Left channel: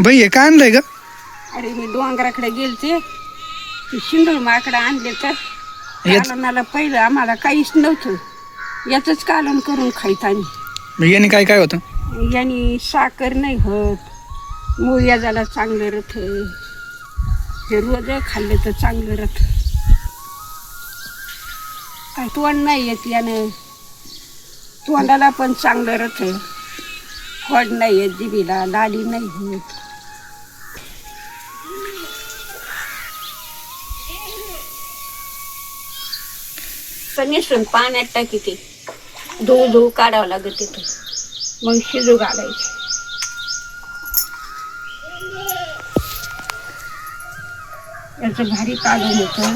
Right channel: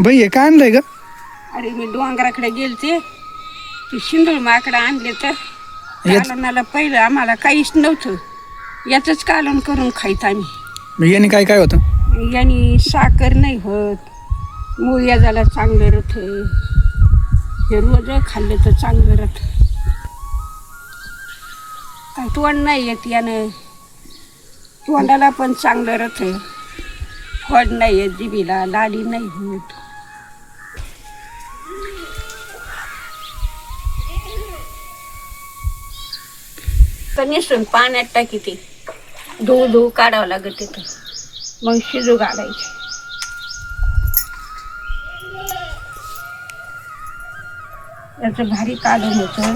बाई हे काय आणलंय का अरे मी डोंगराकडे गेलते. ते शिंदूळ माकडं आणले तर याच- कालवणाला पहिलं आम्हाला काहीच नव्हतं. याचंच कालवण करून खायचं आम्ही. मग याने काय काय होतं? यांनी साखर नाही होत. मुळ्या झाला चांगलं रथ. हे रोज खाल्लं तर चांगलं रथ. काय तोंड नाही येत यानं. तोंडाला पण चांगलं रथ. फड नाही येत जिबीला लाली नाही होत. तर निसून पाण्यात टाकी ते. धुवू धुवू काढावं लागत तिथं मग शिजू घालायची. याचं भारी काढून होतं.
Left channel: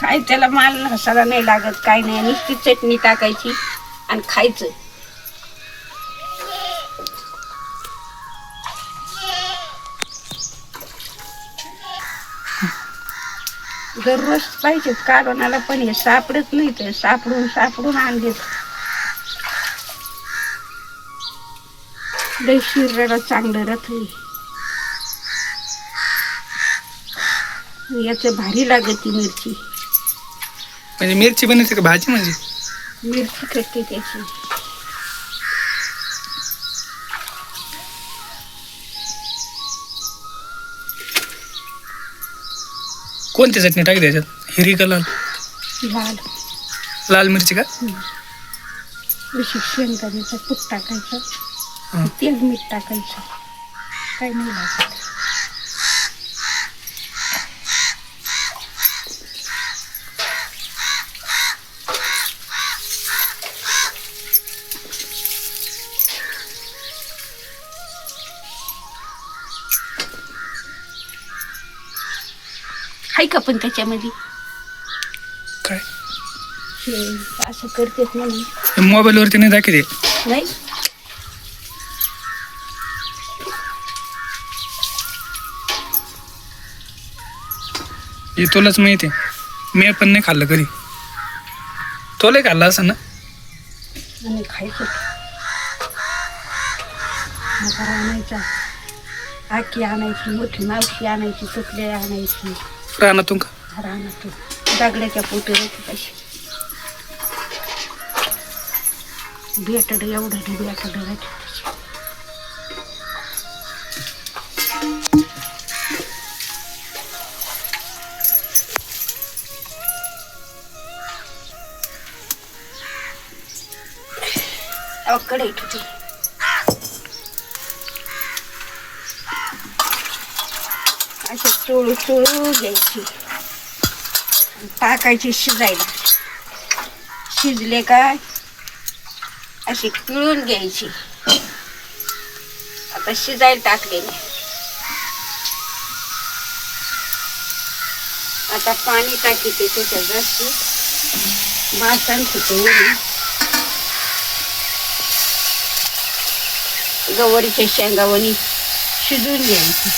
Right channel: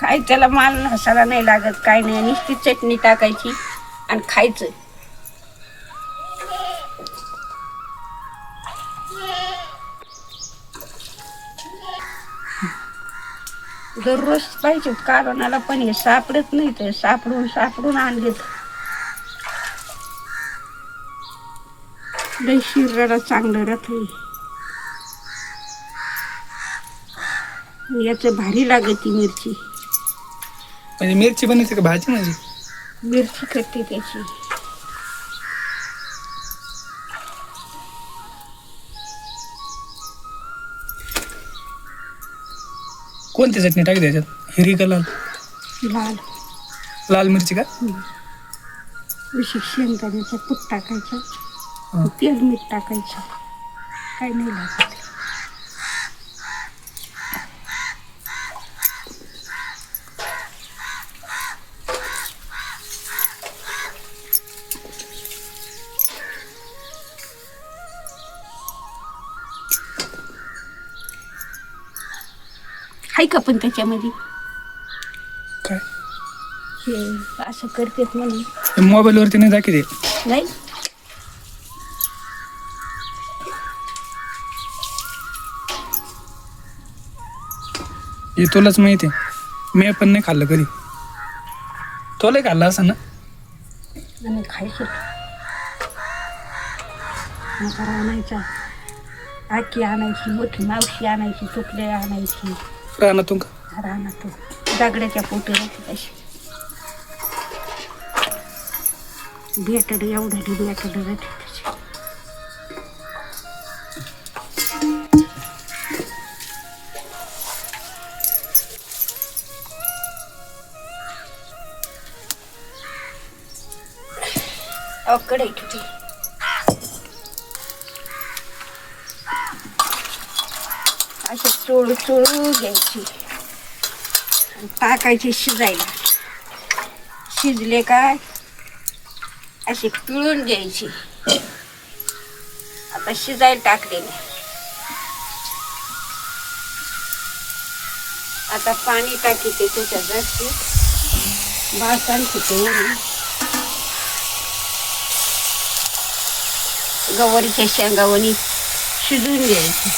काय त्याला माल मसाला नाही लागत काय नाही. नुसती चटणी टाकायची आणि खायचं. दररोज पाहिजे. काढूनाला पण हे सापडत नाही तर सापडून सापडून आणलेत. लय शरीराला चांगलं रथ याचं भारी लागत ती मिरची. म्हणजे मिरची बनवते का भाजी म्हणजे? मिरची खट्टी त्याची. कोणती चटणी टाकते त्याच्यात हिरी का लाल? लाल. लाल मिरची का? अशी शेंगदाण्याचं कूट टाकायचं. तेल मीठ टाकायचं. काही नाही लागत. हाय का पण त्याच्यामध्ये? काय? हे असं करतेत म्हणून. मोबाईलवरती नाही दाखवते नाही? हे तुलाच माहिती आहे. मी पण नाही खाल्लं कधी. तुला खाल्लं असं ना? आणि खायचं. म्हातारा आणायचा. आकी आणायची मोठी मावशी आणायची तुकडे आणायची. रानातून का? रानातून. दागड्याच्या पोटी राहते तशी. बेटड एवढं भेटड राहते तशी. असे चोळू चोळू घ्यायची. टाकायची शिजायला. शिजले काय? अशी पिळून घ्यायची. आता शिजायला टाकलेली. आता पाणी टाकीते त्याच्यात जास्त भासन फुटून गवारीच्या शेंगावणी शिजून घ्यायची.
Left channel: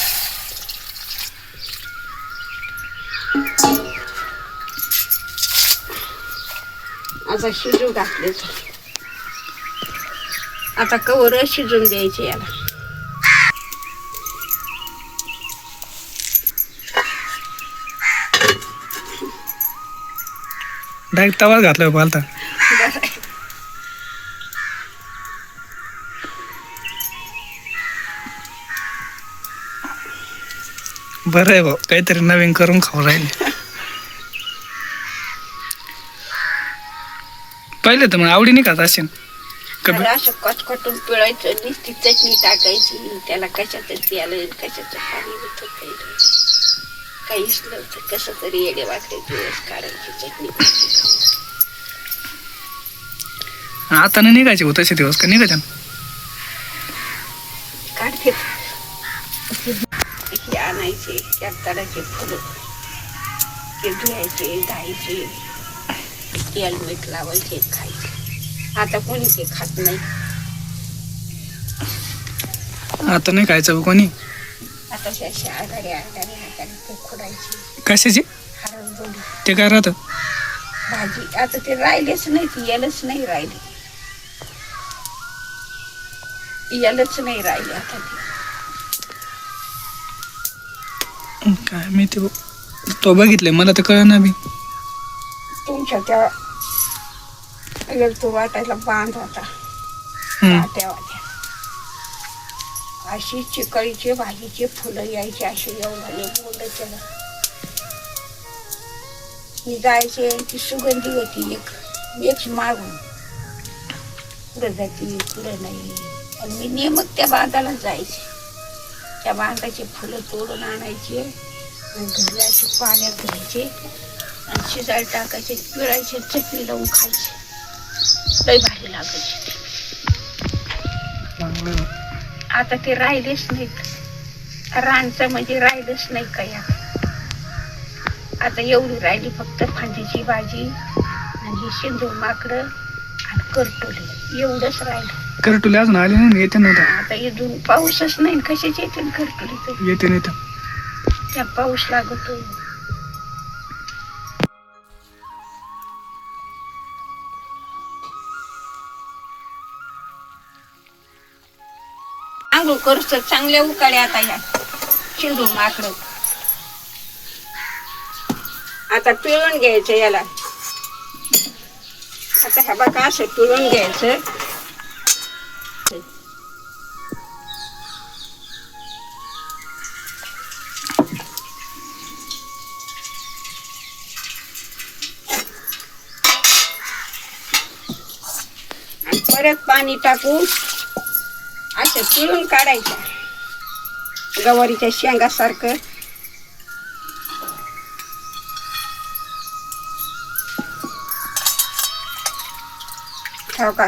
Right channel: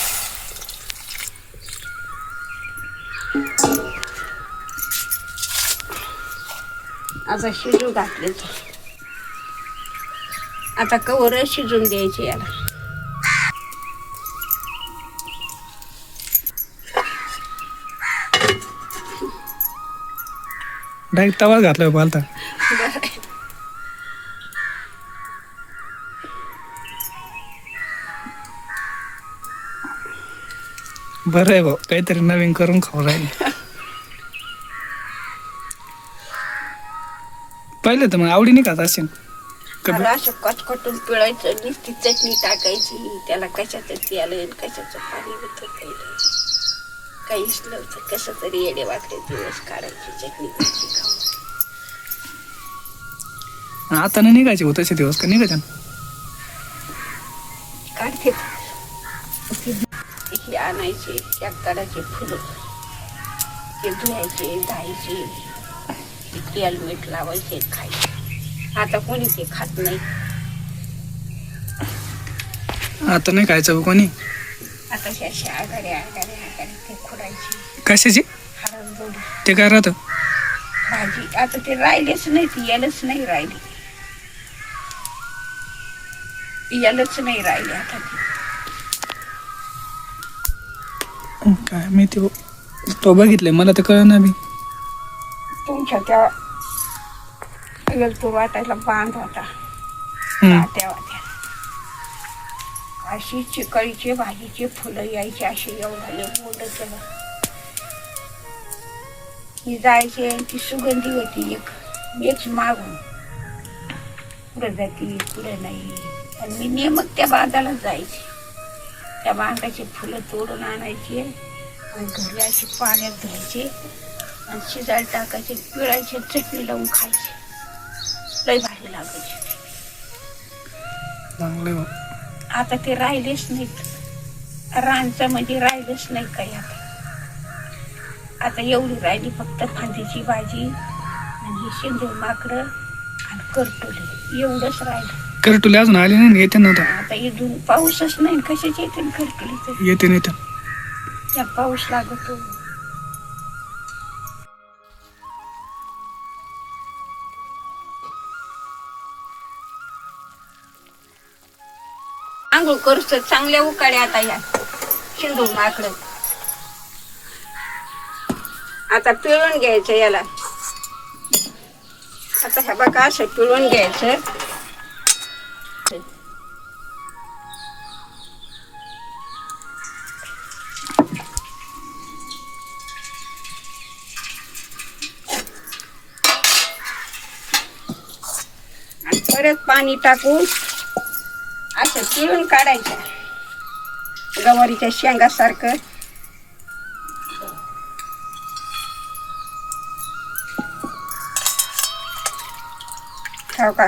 आता शिजू घातले. आता कवर शिजून द्यायचे याला. डायरेक्ट तवा घातला पालता बरं आहे भाऊ काहीतरी नवीन करून खाऊ राहिले. पहिले तर मग आवडीने खात असेल त्याला असं कटकटून पिळायचं नुसती चटणी टाकायची त्याला कशाचं तेल आणि कशाचं पाणी होतं काही नाही. काहीच नव्हतं कसं तरी येडे वाकडे दिवस काढायची चटणी कशी खाऊन आता नाही निघायचे हो तसे दिवस का निघायचे काढते. हे आणायचे त्याचे फुलं. ते धुवायचे धायचे. तेल मीठ लावायचे खायचे आता कोणी ते खात नाही. आता नाही खायचं कोणी? आता अशा आघाडे आघाडे आघाडे ते खुडायचे. कशाची? ते काय राहतं? भाजी. आता ते राहिलेच नाही ती यायलाच नाही राहिली. यायलाच नाही राहिले आता ते. काय माहिती भाऊ. तो बघितलंय मला तर कळ ना बी. तुमच्या त्या गेलतो वाटायला बांध होता. वाट्या वाट्या अशी चिकळीचे भाजीचे फुलं यायचे असे एवढाले बोंड त्याला मी जायचे ती सुगंधी होती एक. एक मागून. कुठं जाती कुठं नाही. आणि मी नेमक त्या बांधाला जायचे. त्या बांधाचे फुलं तोडून आणायचे आणि घरी असे पाण्यात घ्यायचे आणि शिजायला टाकायचे पिळायचे चटणी लावून खायचे. लई भारी लागायचे चांगलं आहे. भाऊ. आता ते राहिलेच नाहीत. रानचं म्हणजे राहिलंच नाही काय आता आता एवढी राहिली फक्त फांदीची भाजी आणि ही शेंदूर माकडं आणि करटोली. एवढंच राहिलं. कर तुला अजून आली नाही ना, येते ना आता. आता इथून पाऊसच नाही कशाचे येते करटोली येते नाही त्या पाऊस लागतो. आंघोळ करूस चांगल्या उकाड्या आता या. शिंदूर माकडं. आता पिळून घ्यायचं याला. आता ह्या बघा असं पिळून घ्यायचं. परत पाणी टाकून अशा पिळून काढायचं गवारीच्या शेंगासारखं. हो का?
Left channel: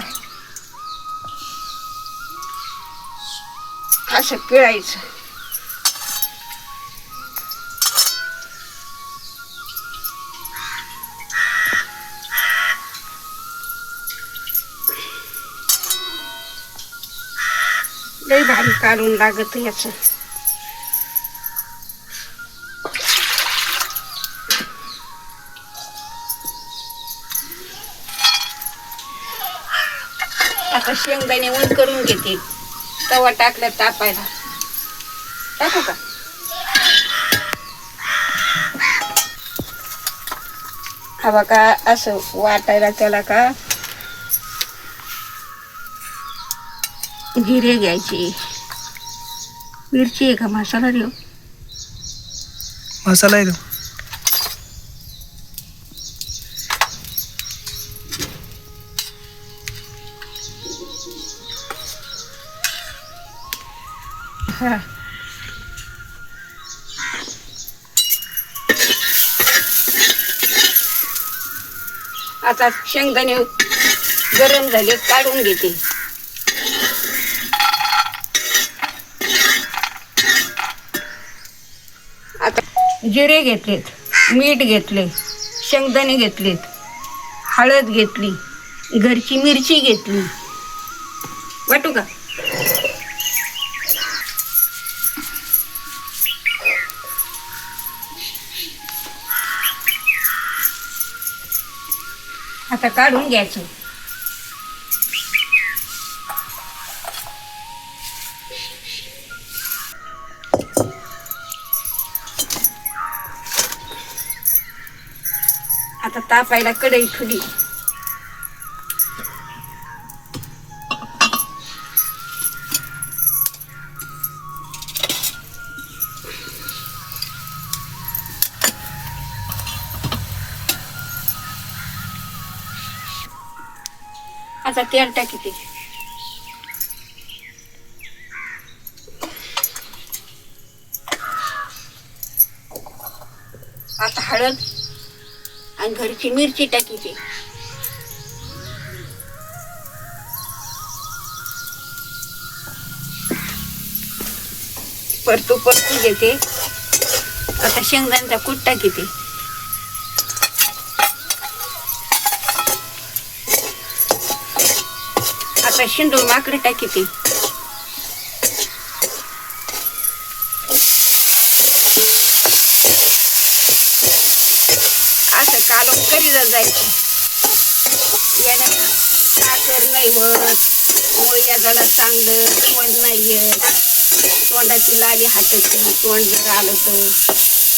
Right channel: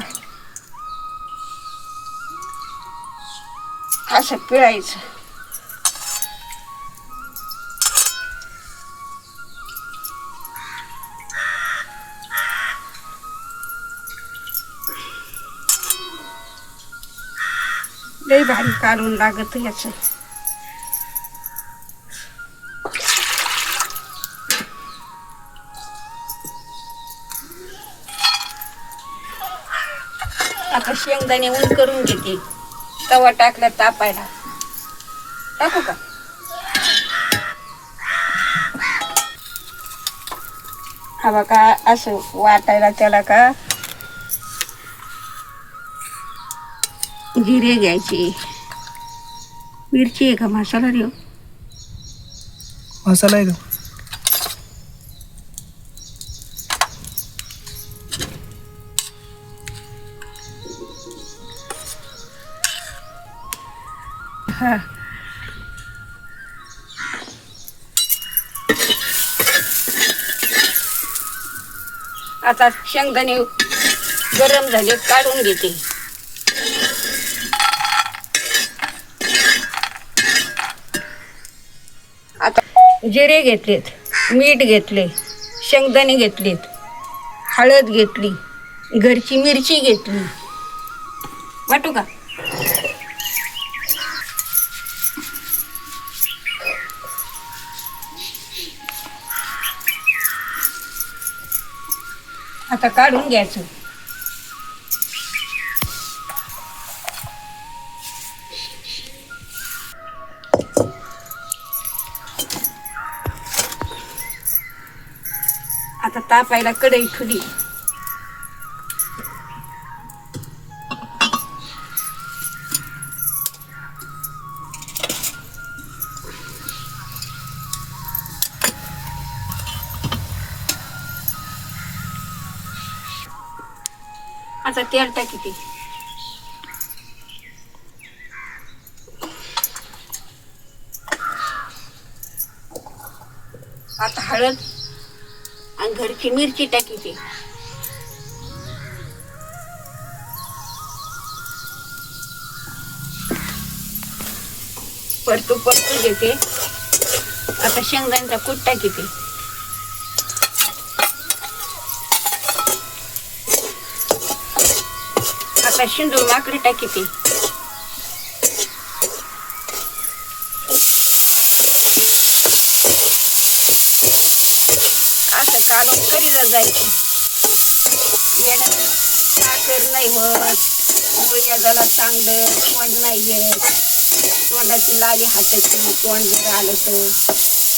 असं पिळायचं. लई भारी काढून लागत याच. आता शेंगदाणे ऊन करून घेते. तवा टाकला तापायला. टाकू का? हवा का असं वाटायला त्याला का जिरे घ्यायचे. मिरची आहे का? मसाला देऊ. मसाला आहे तो हा. आता शेंगदाणे गरम झाले काढून घेते. जिरे घेतलेत मीठ घेतले शेंगदाणे घेतलेत हळद घेतली घरची मिरची घेतली. वाटू का? आता काढून घ्यायचं. आता तापायला कढई ठुली आता तेल टाकीते आता हळद. आणि घरची मिरची टाकीते परतू परतू घेते. आता शेंगदाणचा कूट टाकीते. आता शेंदूर माकडी टाकीते असं कालून जायचं. यानं साखर नाही होत. मुळ्या झाला चांगलं तोंड नाही येत. तोंडाची लाली हाताची तोंड जर आलं तर.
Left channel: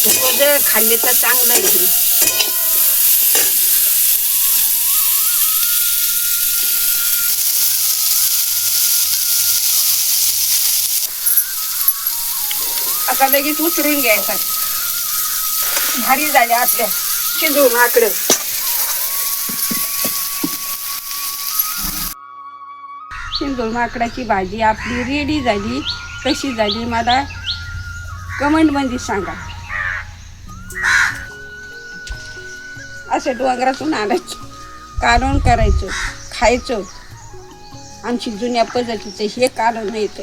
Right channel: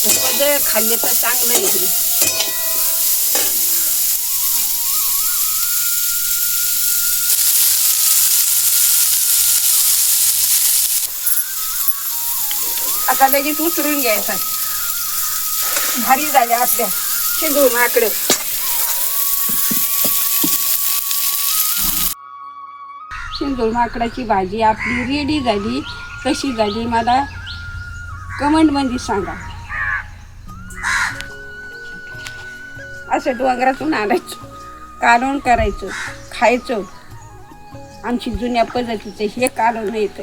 वजं खाल्ले तर चांगलं आहे आता लगेच उतरून घ्यायचा. भारी झाले आपल्या. शिंदू माकडं. शिंदूर माकडाची भाजी आपली रेडी झाली कशी झाली मला कमेंटमध्ये सांगा. असं डोंगरातून आणायचं कालवण करायचं खायचं. आमची जुन्या पद्धतीचं हे कालवण येतं